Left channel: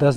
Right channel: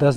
10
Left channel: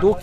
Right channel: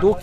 2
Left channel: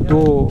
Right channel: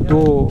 2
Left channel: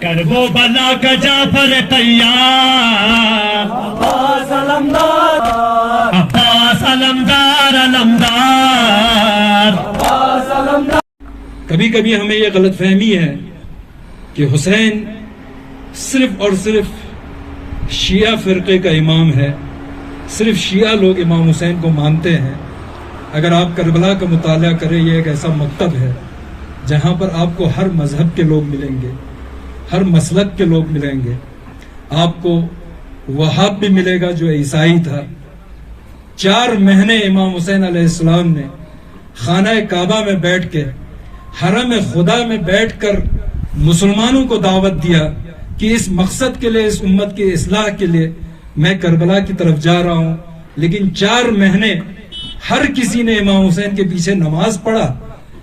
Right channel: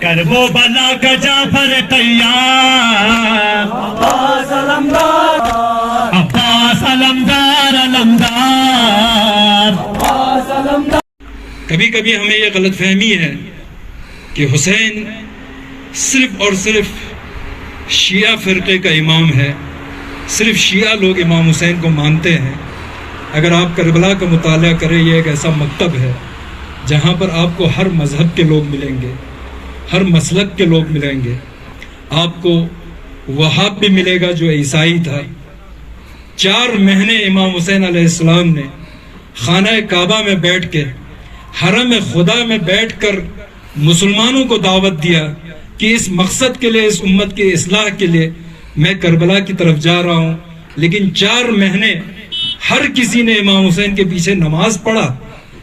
کربو بلا کا جعفر تیار عباس علمدار کبھی کبھی ہمیں یہ غلط فہمی ہے کہ حسین صرف اور صرف شیعہ فرقے کا امام ہے، صرف شیعہ لوگ امام حسین کو مانتے ہیں۔ اگر آپ کربلا کا مطالعہ کریں، یہ ایک ایسا مکتب ہے جہاں پر آپ کو ہر مذہب کے لوگ ملیں گے، ہر مسلک کے لوگ ملیں گے۔ آپ کو وہاب بھی ملے گا جو عیسائی تھا۔ 4 مہینے امام حسین علیہ السلام نے خانہ کعبہ میں بیٹھ کے، حرم خدا میں بیٹھ کر مسلمانوں کو دعوت دیا کہ اس مقصد کے لیے، اس امت کی اصلاح کے لیے میں کربلا کی طرف جا رہا ہوں۔ لیکن 4 مہینے ہر کسی نے امام حسین کے پیچھے نماز پڑھا،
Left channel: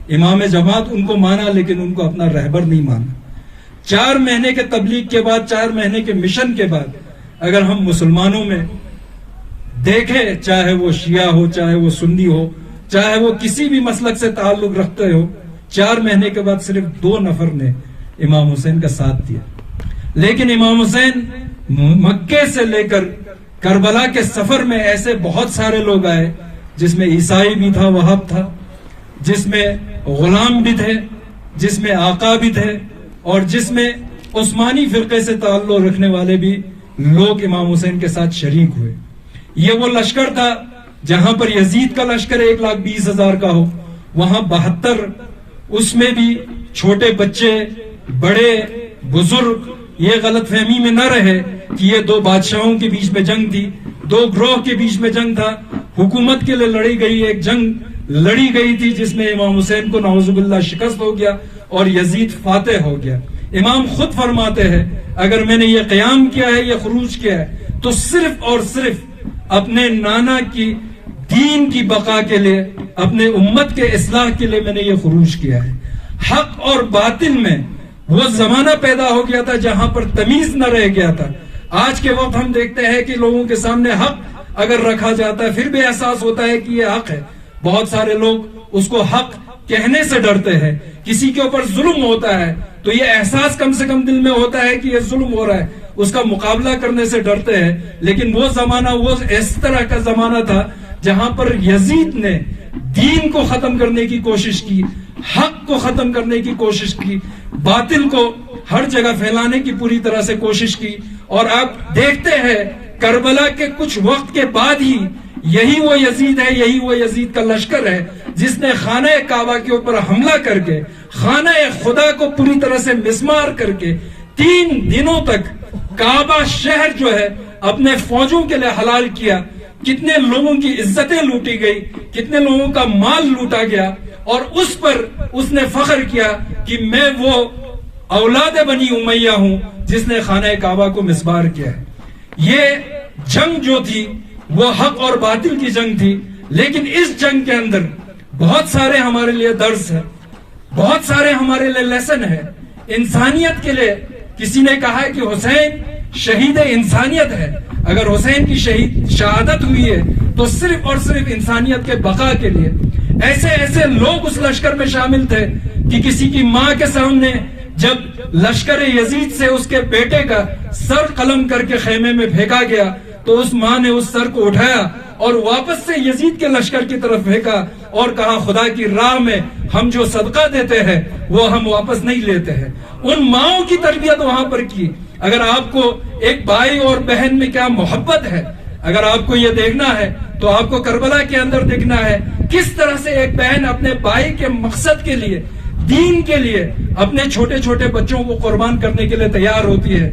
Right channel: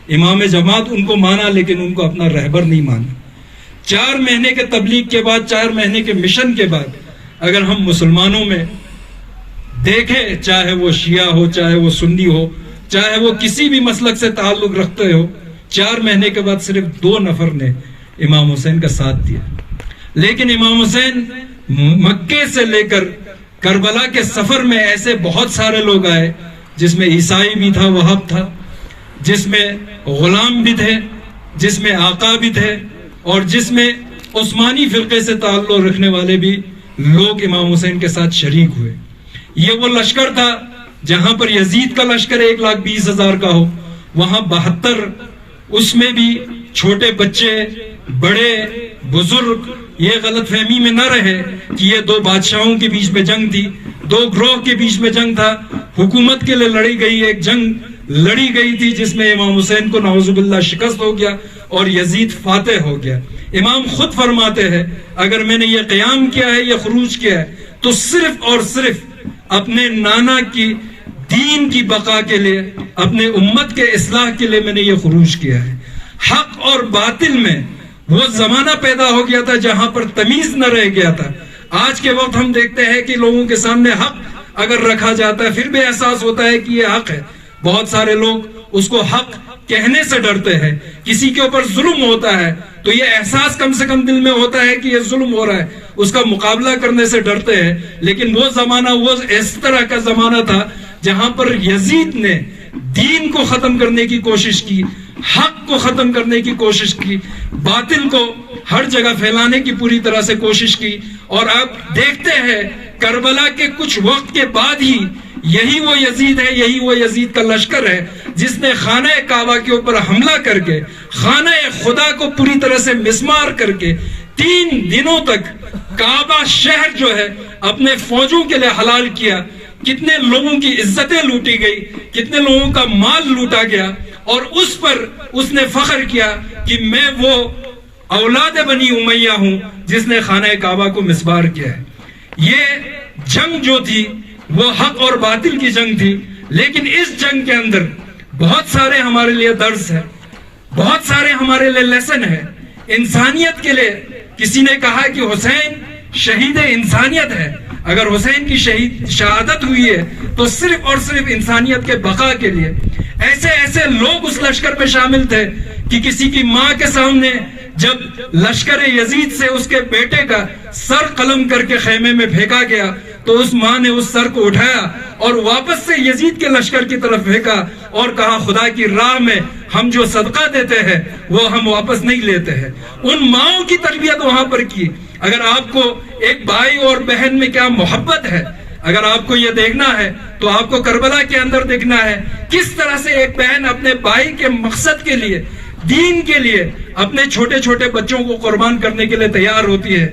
امام جماعت ان کو مانا، لیکن ان کو اپنا رہبر نہیں مانا۔ 4 مہینے کے تبلیغ کے بعد، 4 مہینے کے مشن کے بعد، اگر ہم مسلمانوں میں دیکھیں، چاہے وہ شیعہ ہو، چاہے وہ سنی ہو، چاہے وہ کسی بھی مسلک سے تعلق رکھتے ہو، 4 مہینے کے بعد صرف 2 نفر نے امام حسین کا ساتھ دیا۔ لیکن امام حسین مکے سے لے کر کربلا کے سفر میں ایسے بہت سارے لوگ آئے، جس میں عیسائی بھی تھا، وہاب تھا، جس میں غلام بھی تھے، جس میں آقا بھی تھے، اور جس میں عثمانی فرقے سے تعلق رکھنے والے بھی لوگ امام حسین کے ساتھ شریک ہوئے۔ یہ وہ لشکر تھا جہاں پر یزید کا لشکر 1,20,000 کا ہو، وہاں 72، اس میں بھی چھوٹے بچے، بڑے، بزرگ، یہ غلط فہمی میں نہ رہے کہ یہ 2 بادشاہوں کے بیچ میں جنگ تھی، 2 گروہ کے بیچ میں جنگ تھا۔ حکومت کے لیے لڑی گئی ایک جنگ لڑی گئی تھی، جس میں امام حسین کو نعوذ باللہ شکست ہو گیا اور یزید فاتح ہو گیا۔ امام خود فرماتے ہیں، اگر میں نے یہ قیام کیا ہے، یہ خروج کیا ہے، تو صرف اور صرف اپنے نانا کی دین کی بقا کے لیے، اپنے امت کے اصلاح کے لیے میں نے یہ خروج کیا ہے۔ حق اور باطل میں وہ زمانہ پیدا ہو گیا تھا جہاں پر تمیز نہ رہ گیا تھا۔ آج کے وقت ہم دیکھتے ہیں کہ لوگوں کے سامنے حق اگر رکھا جاتا ہے، پھر بھی احساس ہوتا ہے کہ یہ حق ہے۔ بہت سارے لوگ اس کو حق کہنے سے ڈرتے ہیں۔ کسی کے اوپر ظلم ہوتا ہے تو یہ احساس کم سے کم دل میں ہوتا ہے کہ یہ ظلم ہو رہا ہے، اس کا مقابلہ کرنے سے ڈرتے ہیں۔ لیکن وہ زمانہ، وہ اس طرح کا زمانہ تھا جہاں پر یزید نے دین کو ختم کرنے کی کوشش کی، حق کو ختم کرنے کی کوشش کی، باطل کو ہر جگہ پھیلانے کی پوری طرح سے کوشش کی۔ اور آپ دیکھتے ہیں کربلا کے کچھ وقت کے بعد ہی یہی وہ یزید ہے، یہی وہ یزید کا لشکر ہے جس نے خانہ کعبہ کے اوپر حملہ کر کے، خانہ خدا کو پوری طرح سے مسمار کر کے 3 دنوں تک کعبہ شہر جو ہے اپنے فوجوں کے لیے حلال کیا۔ کتنے لوگوں کی عزتیں لوٹی گئی، کتنے لوگوں کا مال لوٹا گیا، اور اس پر اس نے فخر کیا کہ میں وہ اولاد بنی امیہ ہوں جس نے خانہ کعبہ کو مسمار کیا ہے۔ یہ جنگ جو تھی وہ حق اور باطل کی جنگ تھی، لیکن اس جنگ کے اندر بہت سارے ہمارے لیے درس ہے، بہت سارے ہمارے لیے لیسن ہے انسانیت کے لیے۔ کسی نے کہا کہ حسین شہید انسانیت ہے۔ اگر حسین کی شہادت ہوئی ہے تو صرف اور صرف انسانیت کے بقا کے لیے۔ ایسے ایسے لوگ اس لشکر میں شامل تھے کہ کسی کی ماں کے سامنے جب لشکر یزید سے اس کے بیٹے کا سر قلم کر کے خیمے میں پھینکا گیا تو اس ماں نے اس سر کو اٹھایا اور واپس سے یزید کے لشکر کی طرف پھینکا اور کہا، خدا کی راہ میں ہم جو صدقہ دیتے ہیں وہ ہم واپس نہیں لیتے ہیں۔ ان ماؤں کی تربیت وہاں پر کی۔ اگر آپ کو ایک بھائی اور بہن میں کیا محبت ہے، اگر آپ کو یہ دیکھنا ہے تو آپ کو کربلا کے اندر دیکھنا ہے کس طرح سے ایک بہن اپنے بھائی کے مقصد کے لیے دین کے لیے اپنے چھوٹے چھوٹے بچوں کو قربان کرنے کے لیے تیار ہوتی ہے.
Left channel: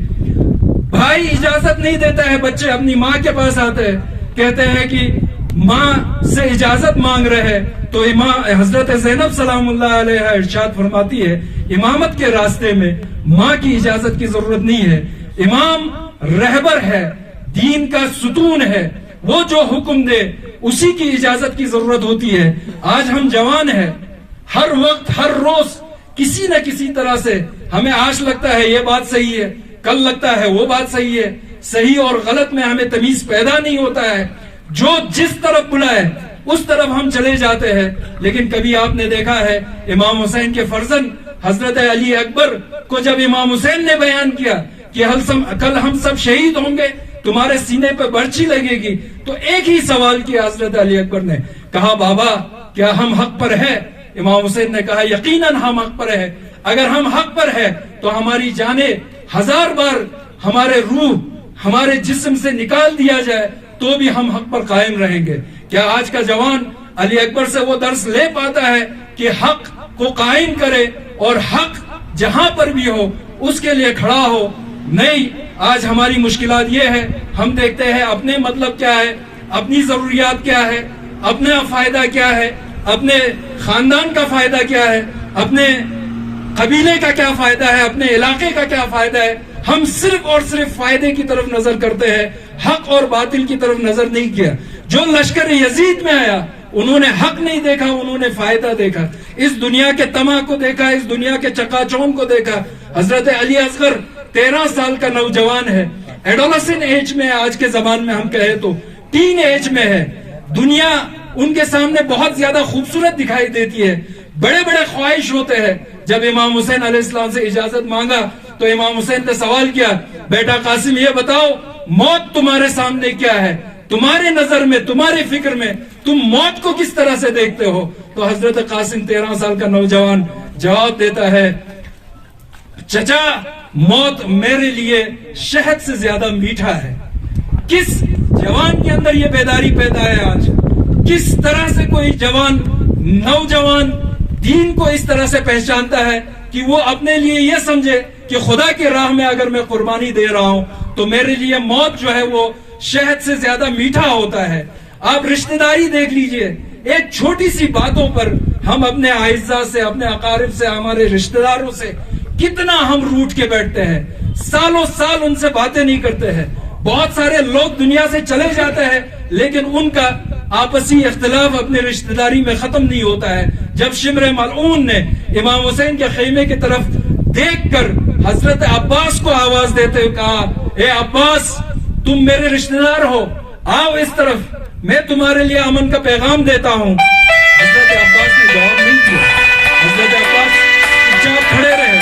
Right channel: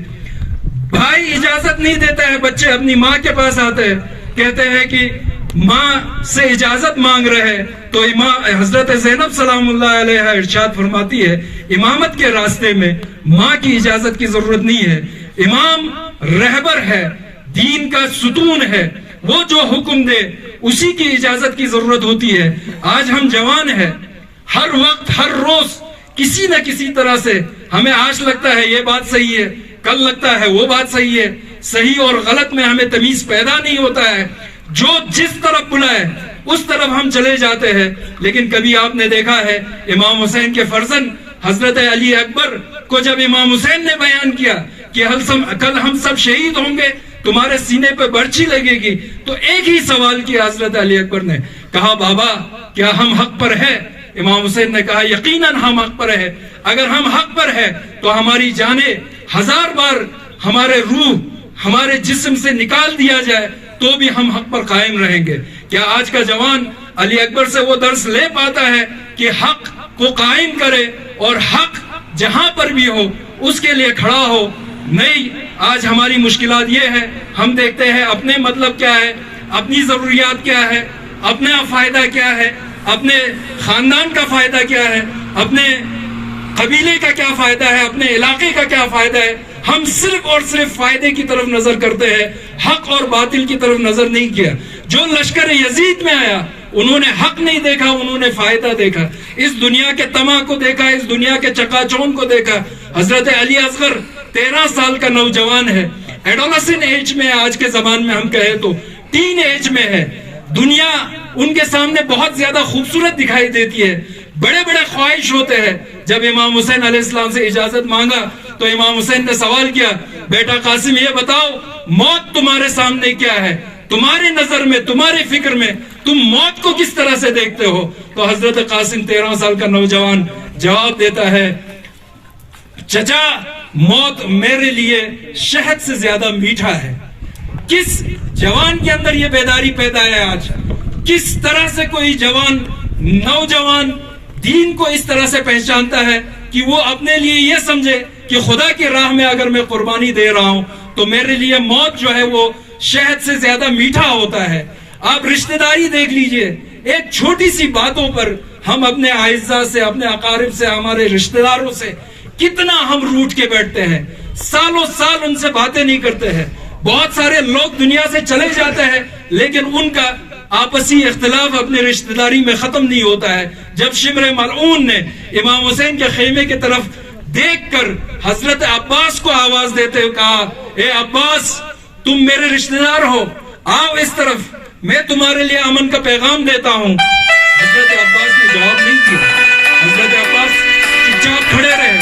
بھائی اجازت نہیں دیتا ہے, بچے اپنی ماں کے پاس آتے ہیں, کہتے ہیں کہ ماں سے اجازت مانگ رہے ہیں, تو حضرت زینب سلام اللہ علیہ ارشاد فرماتی ہے امامت کے راستے میں ماں کی اجازت کی ضرورت نہیں ہے. امام رہبر ہے, دین کا ستون ہے, وہ جو حکم دے اسی کی اجازت کی ضرورت ہوتی ہے. آج ہم جوان ہیں, ہر وقت ہر روز کسی نہ کسی طرح سے ہمیں آج لگتا ہے یہ بات صحیح ہے, کل لگتا ہے وہ بات صحیح ہے. صحیح اور غلط میں ہمیں تمیز پیدا نہیں ہوتا ہے, جو جس طرف بلائے اس طرف ہم چلے جاتے ہیں. لیکن کبھی آپ نے دیکھا ہے امام حسین کے فرزند حضرت علی اکبر کو جب امام حسین نے بیان کیا کہ کل ہم سب شہید ہوں گے, تمہارے سینے پہ برچھی لگے گی, تو ایک ہی سوال کیا حضرت علی اکبر نے, کہا بابا کیا ہم حق پر ہیں؟ امام حسین نے کہا یقیناً ہم حق پر ہیں. اگر ہم حق پر ہیں تو ہماری جانیں 1000 بار ہمارے روح ہمارے جسم سے نکال دیا جائے تو بھی ہم حق پر قائم رہیں گے. کیا آج کا جوان علی اکبر سے وہ درس لے پاتا ہے کہ حق کو قائم کرے اور حق جہاں پر بھی ہو اس کے لیے کھڑا ہو؟ نہیں, آج ہماری مشکلات یہ ہے, ہم دیکھتے ہیں اپنے مطلب کیا ہے, اپنی ضروریات کیا ہے, اپنا فائدہ کیا ہے, اپنے خاندان کا فائدہ کیا ہے, اپنے قبیلے کا کیا فائدہ ہے, اپنے علاقے کا کیا فائدہ ہے. ہم صرف اور صرف فائدے کی طرف نظر کرتے ہیں, حق اور باطل کی طرف نظر نہیں کیا. جو لشکر یزید میں آیا انہوں نے حق نہیں دیکھا, انہوں نے فائدہ دیکھا, اس دنیا کے طمع کو دیکھا, اس دنیا کے چکا چوند کو دیکھا. حضرت علی اصغر 13 سال کا نوجوان ہے, ایڈولسن ایج میں, آج کے زمان میں ہم کہیں تو ٹین ایج میں ہے. دنیا ان کے سامنے بہت زیادہ خوبصورت دکھائی دیتی ہے, بڑے بڑے خواہش ہوتے ہیں. جب امام حسین علیہ السلام سے اجازت مانگا تو امام حسین نے سوال کیا, بیٹا قاسم یہ بتاؤ موت تمہارے سامنے کیا ہے, تمہارے نظر میں, تمہاری فکر میں تم موت کو کس طرح سے دیکھتے ہو؟ تو حضرت قاسم 13 سال کا نوجوان جواب دیتا ہے, چچا موت میرے لیے شہد سے زیادہ میٹھا ہے. کس جوان کے اندر یہ بیداری پیدا ہے آج؟ کس طرح سے کوئی نوجوان دین کو اس طرح سے پہچانتا ہے کہ وہ اپنے لیے یہ سمجھے کہ خدا کی راہ میں اگر میں قربانی دے رہا ہوں تو میرے لیے موت جو ہے وہ شہد سے زیادہ میٹھا ہوتا ہے. آپ رشتہ داری دیکھ لیجئے, ایک چھوٹی سی باتوں پر ہم اپنے اعزاء سے, اپنے اقارب سے, ہمارے رشتہ داروں سے کتنا ہم روٹ کے بیٹھتے ہیں, سالوں سال ان سے باتیں نہیں کرتے ہیں. بہت سارے لوگ دنیا سے چلے جاتے ہیں لیکن ان کا آپسی اختلاف اپنے رشتہ داری میں ختم نہیں ہوتا ہے. جب شمر ملعون نے امام حسین کے خیمے کی طرف دیکھ کر حضرت عباس کو آواز دیتے ہوئے کہا, اے عباس تم میرے رشتہ دار ہو, آؤ اس طرف, میں تمہارے لیے امن کا پیغام دیتا ہوں. حضرت عباس نے جواب نہیں کیا, حضرت عباس چپ چاپ کھڑے رہے.